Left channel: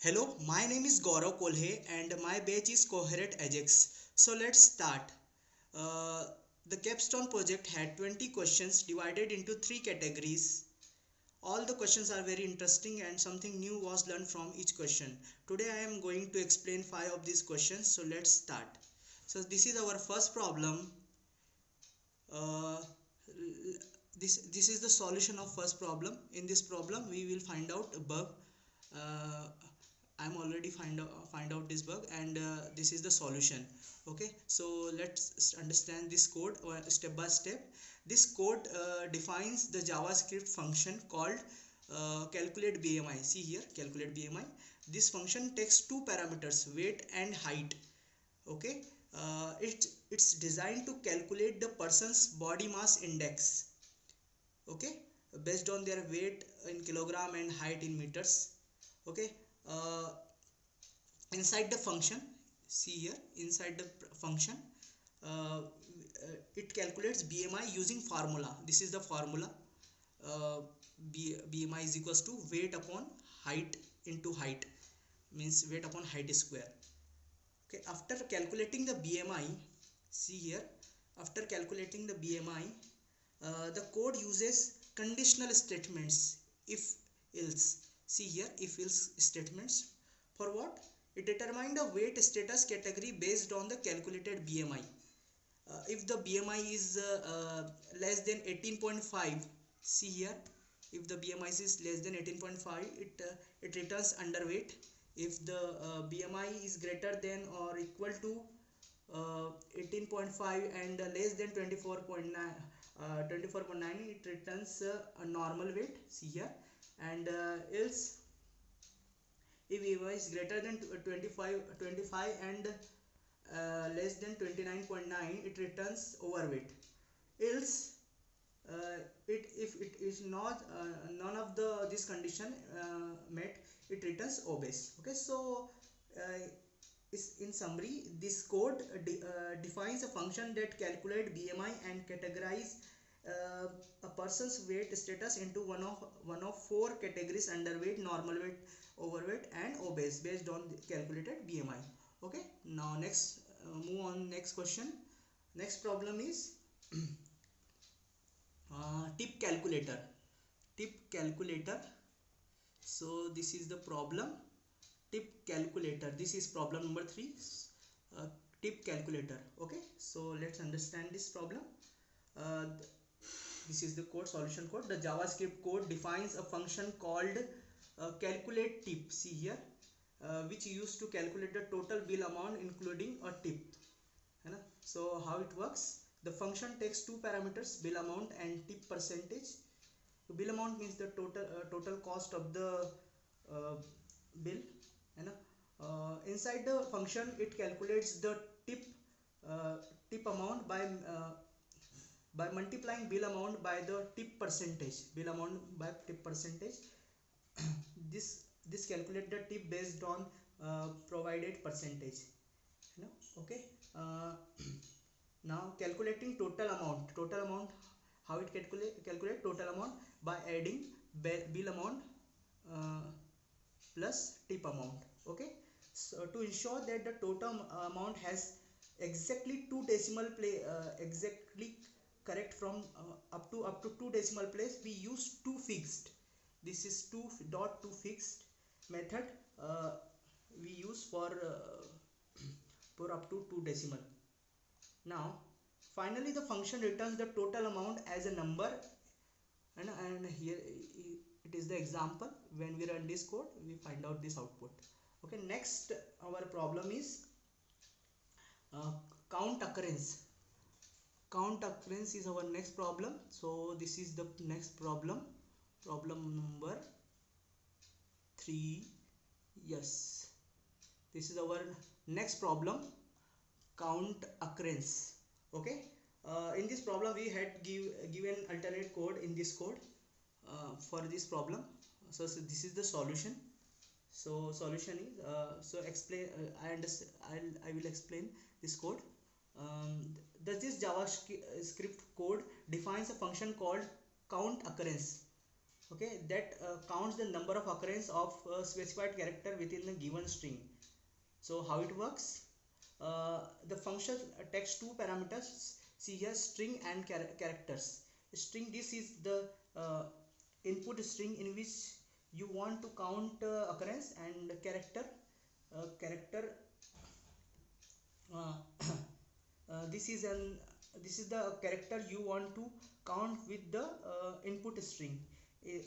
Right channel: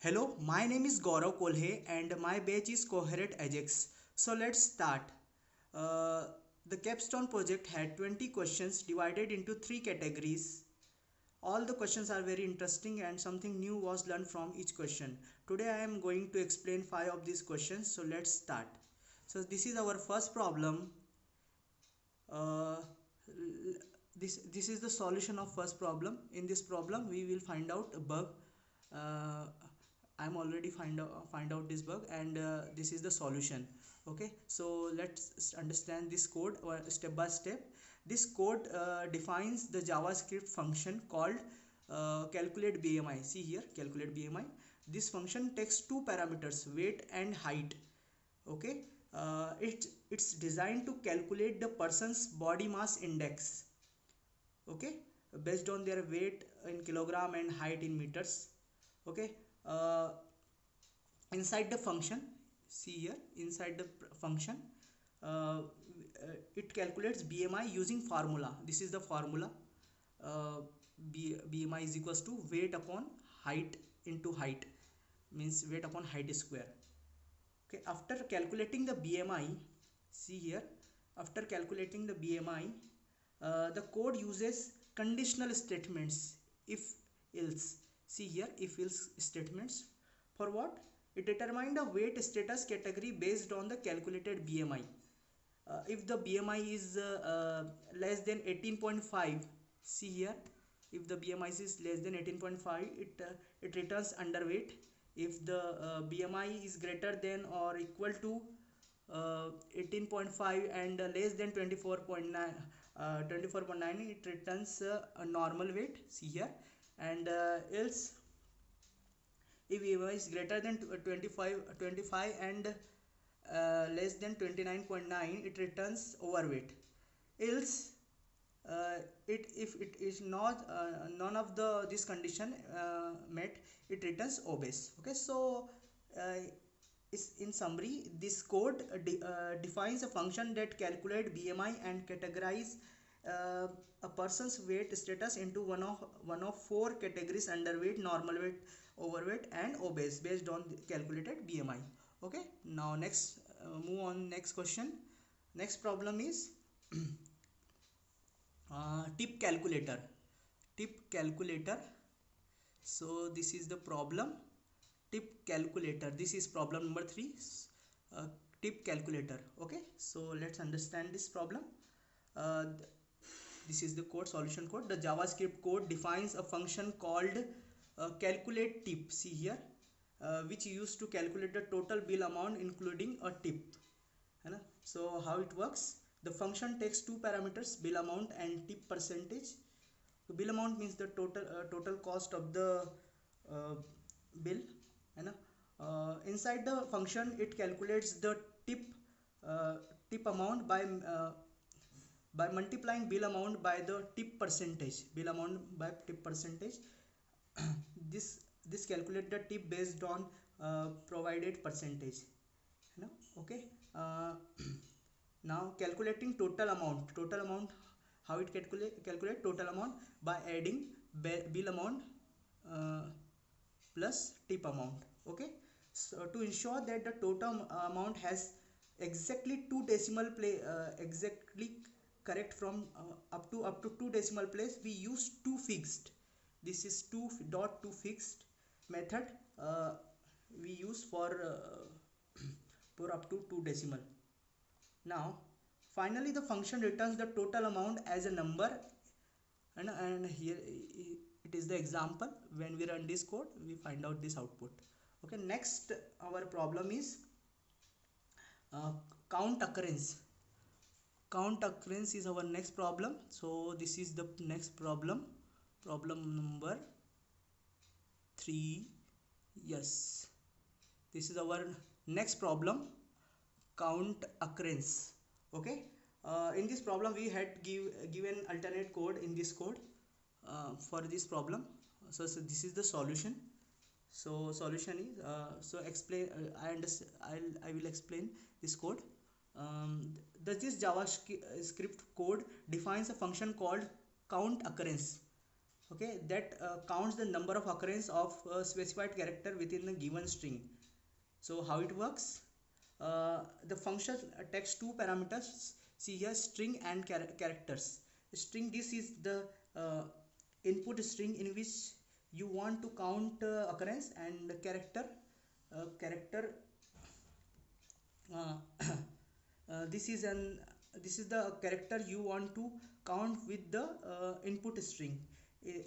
Hello, my name is Gaurav Kolhe and my batch is Coherent Ajax. So let's start. Uh, the Capstone project had 20 questions divided into three categories. All the questions are very interesting and something new was learned from each question. Today I am going to explain 5 of these questions. So let's start. So this is our first problem. Uh, this is the solution of first problem. In this problem we will find out a bug. uh, I'm already find out this bug, and this is the solution. Okay, so let's understand this code step by step. This code defines the JavaScript function called calculate BMI. See here, calculate BMI. This function takes two parameters, weight and height. Okay, it's designed to calculate the person's body mass index. Okay, based on their weight in kilogram and height in meters. Okay, uh, inside the function, see here, inside the function, uh, it calculates BMI using formula. This is the formula. uh, BMI is equals to weight upon height into height, means weight upon height square. Okay, after calculating the BMI, see here, after calculating the BMI, the code uses conditional statements, if else. See here, if else statements. For what? It determines the weight status category based on the calculated BMI. If the BMI is less than 18.5, see here, if the BMI is less than 18.5, it returns underweight. If the BMI is greater than or equal to 18.5 and less than 24.9, 24.9, it returns a normal weight. See here. And else, if BMI is greater than 25 and less than 29.9, it returns overweight. Else, it if it is not none of the this condition met, it returns obese. Okay, so uh, is in summary, this code defines a function that calculate BMI and categorize uh, a person's weight status into one of four categories: underweight, normal weight, overweight, and obese, based on the calculated BMI. Okay, now next, move on next question. Next problem is tip calculator. Tip calculator. So this is the problem. Tip calculator, this is problem number 3. uh, Tip calculator. Okay, so let's understand this problem. uh, this is the code, solution code. The JavaScript code defines a function called calculate tip. See here, which used to calculate the total bill amount including a tip. है ना? So how it works? The function takes two parameters, bill amount and tip percentage. So bill amount means the total cost of the uh, bill, है ना? Inside the function, it calculates the tip uh, tip amount by multiplying bill amount by the tip percentage. Bill amount by tip percentage. this this calculate the tip based on provided percentage. No? Okay. uh, Now calculating total amount. Total amount, how it calculate total amount? By adding bill amount uh, plus tip amount. Okay, so to ensure that the total amount has exactly two decimal place, exactly correct from up to two decimal place, we use two fixed. This is two dot two fixed method we use for up to two decimal. Now finally the function returns the total amount as a number, and here it is the example. When we run this code, we find out this output. Okay, next our problem is uh, count occurrence. Count occurrence is our next problem. So this is the next problem, problem number 3. Yes, this is our next problem, count occurrence. Okay, in this problem we had given alternate code in this code for this problem. So this is the solution. So solution is explain. I will explain this code. Does this JavaScript code defines a function called count occurrence. okay, that counts the number of occurrence of specified character within a given string. So how it works? The function takes two parameters, see here, string and characters. String, this is the uh, input string in which you want to count occurrence, and character uh, this is the character you want to count with the input string.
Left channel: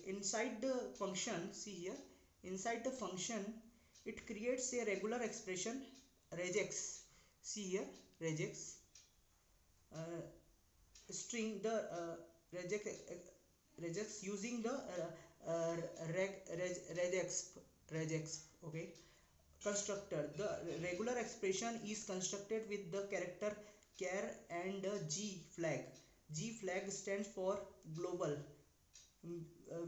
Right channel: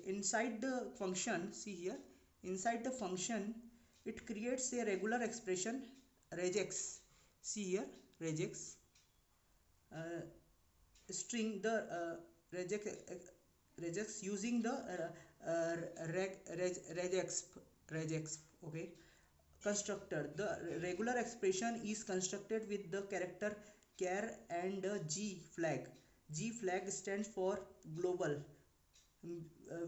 Inside the function, see here, inside the function it creates a regular expression regex, see here, regex uh, string the regex regex using the regex okay, constructor. The regular expression is constructed with the character char and the G flag. G flag stands for global,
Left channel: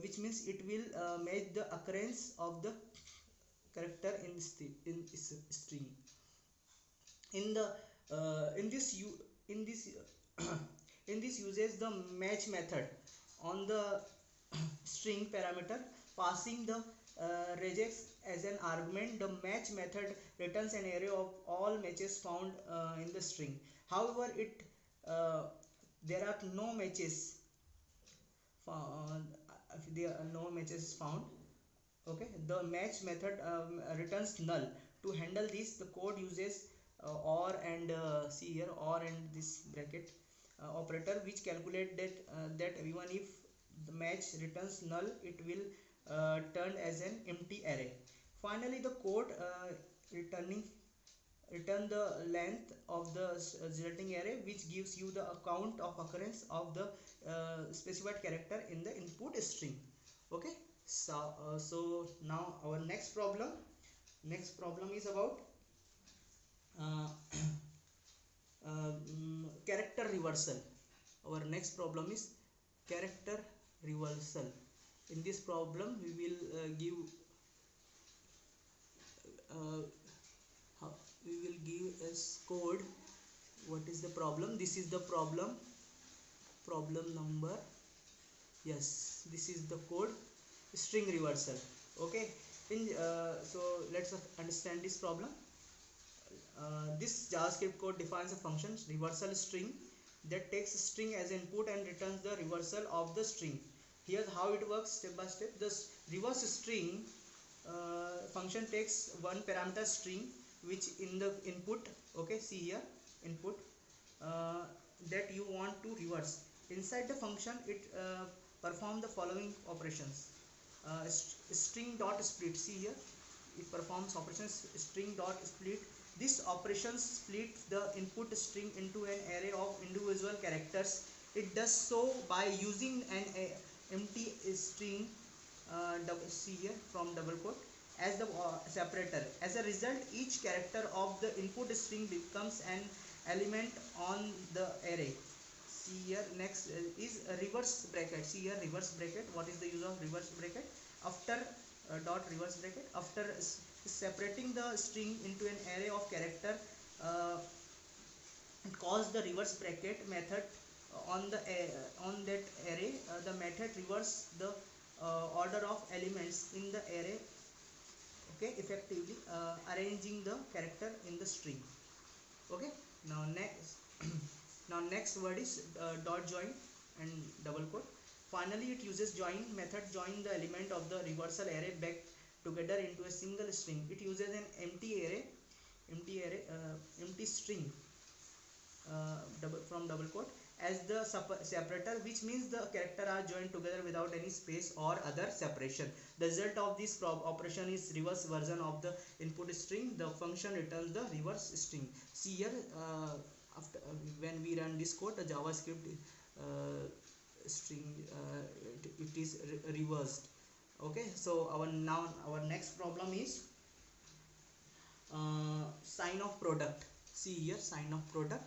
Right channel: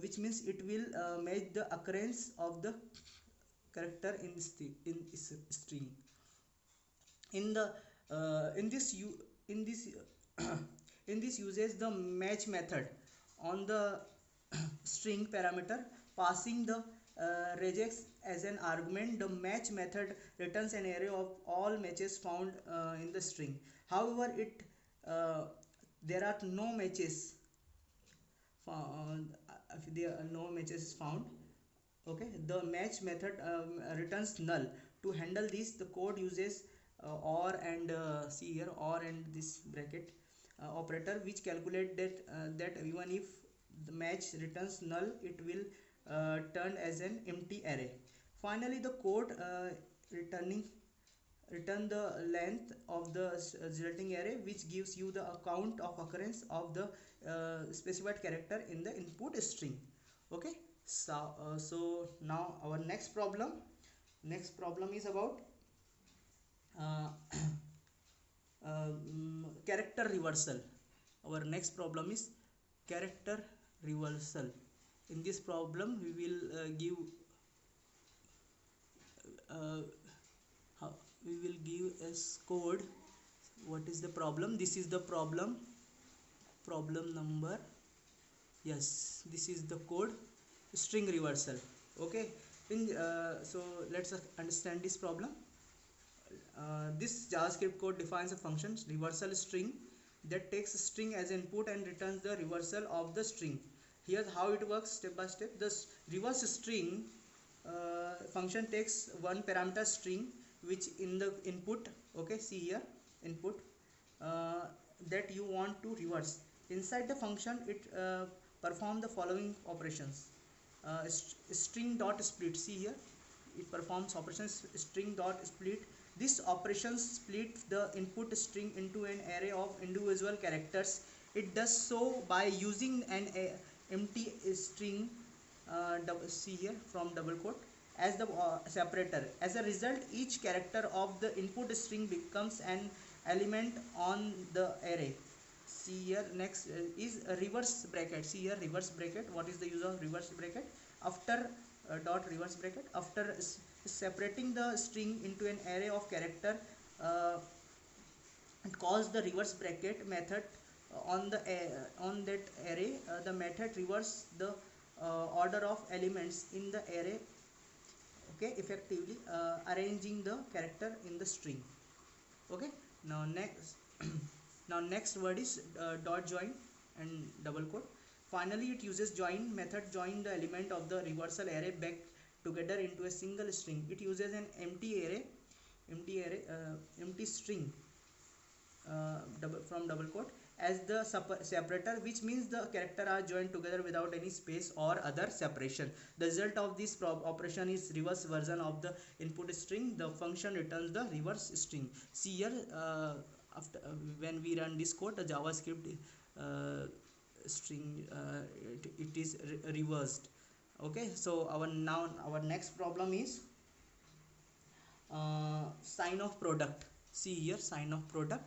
which means it will match the occurrence of the character in string. In the in this you in this in this uses the match method on the string parameter, passing the regex as an argument. The match method returns an array of all matches found in the string. However, it there are no matches if there are no matches found, okay, the match method returns null. To handle this, the code uses or and see here, or and this bracket operator, which calculate that even if the match returns null, it will turn as an empty array. Finally, the code return the length of the resulting array, which gives you the count of occurrence of the specified character in the input string. Okay, so now our next problem is about uh, character reversal. Our next problem is character reversal. In this problem we will give uh, we will give as code. What is the problem? This is the problem number, yes, this is the code, string reversal. Okay, in so let's understand this problem. This JavaScript code defines a function reversal string that takes a string as input and returns the reversal of the string. Here's how it works step by step. This reverse string function takes one parameter string which in the input, okay, see here, input uh, that you want to reverse. Inside the function it performs the following operations. String dot split, see here, it performs operations string dot split. This operation splits the input string into an array of individual characters. It does so by using an empty string, see here, from double quote, as the separator. As a result, each character of the input string becomes an element on the array. See here, next is a reverse bracket. See here, reverse bracket. What is the use of reverse bracket? After dot reverse bracket, after separating the string into an array of character, uh, it calls the reverse bracket method on that array. The method reverse the order of elements in the array, okay, effectively arranging the character in the string. Okay, now next now next word is dot join and double quote. Finally, it uses join method, join the element of the reversal array back together into a single string. It uses an empty string from double quote as the separator, which means the character are joined together without any space or other separation. The result of this operation is reverse version of the input string. The function returns the reverse string. See here, after when we run this code, the JavaScript string it is reversed. Okay, so our next problem is sign of product. See here, sign of product.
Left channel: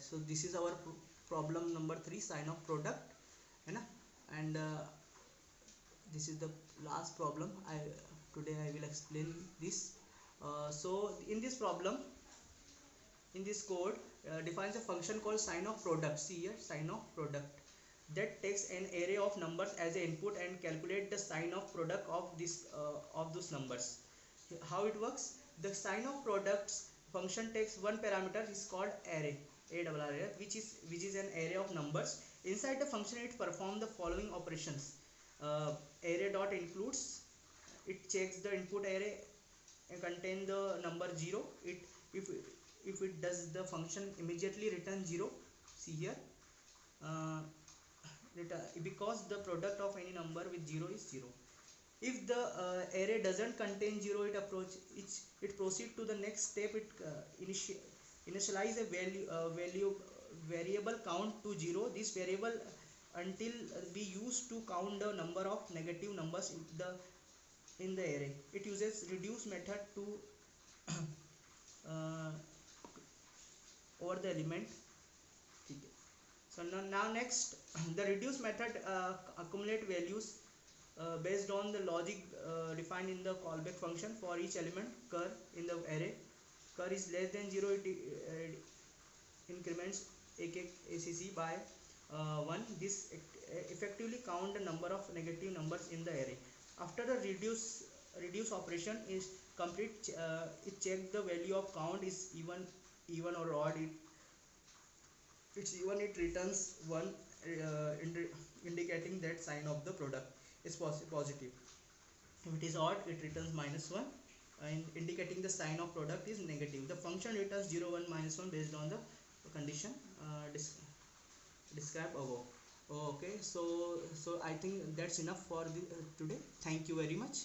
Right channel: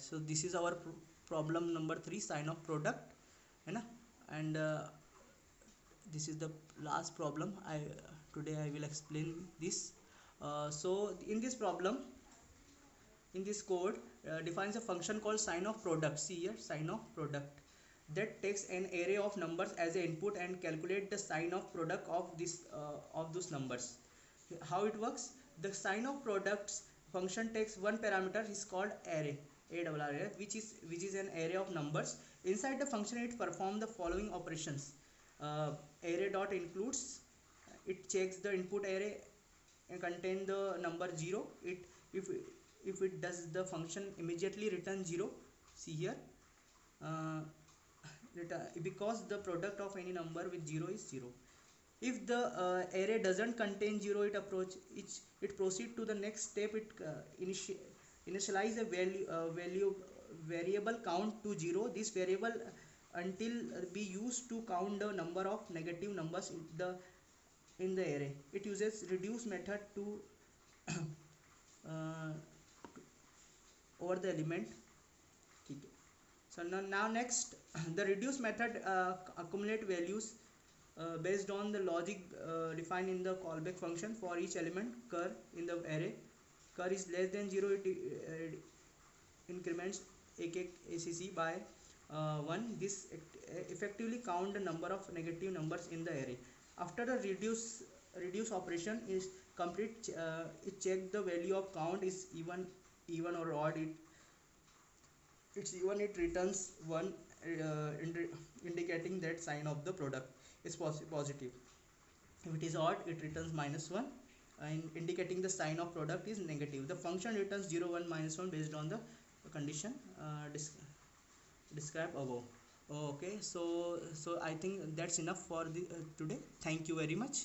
So this is our problem number 3, sign of product, है ना? And this is the last problem. Today I will explain this. So in this problem, in this code defines a function called sign of product. See here, sign of product. that takes an array of numbers as an input and calculate the sign of product of those numbers. How it works? The sign of products function takes one parameter is called array, array, which is an array of numbers. Inside the function it performs the following operations. Array dot includes, it checks the input array and contain the number 0. If it does, the function immediately return 0. See here, uh, because the product of any number with 0 is 0. If the array doesn't contain 0, it proceed to the next step. It initialize a variable count to 0. This variable until be used to count the number of negative numbers in the array. It uses reduce method to uh, over the element. So now next, the reduce method accumulate values based on the logic defined in the callback function for each element cur in the array. Cur is less than 0, it increments ACC by 1. This effectively count the number of negative numbers in the array. After the reduce operation is complete, it checks the value of count is even or odd. It's even, it returns 1, indicating that sign of the product is positive. If it is odd, it returns -1, and indicating the sign of product is negative. The function returns 0, 1, -1 based on the condition described above. Okay, so I think that's enough for the today. Thank you very much.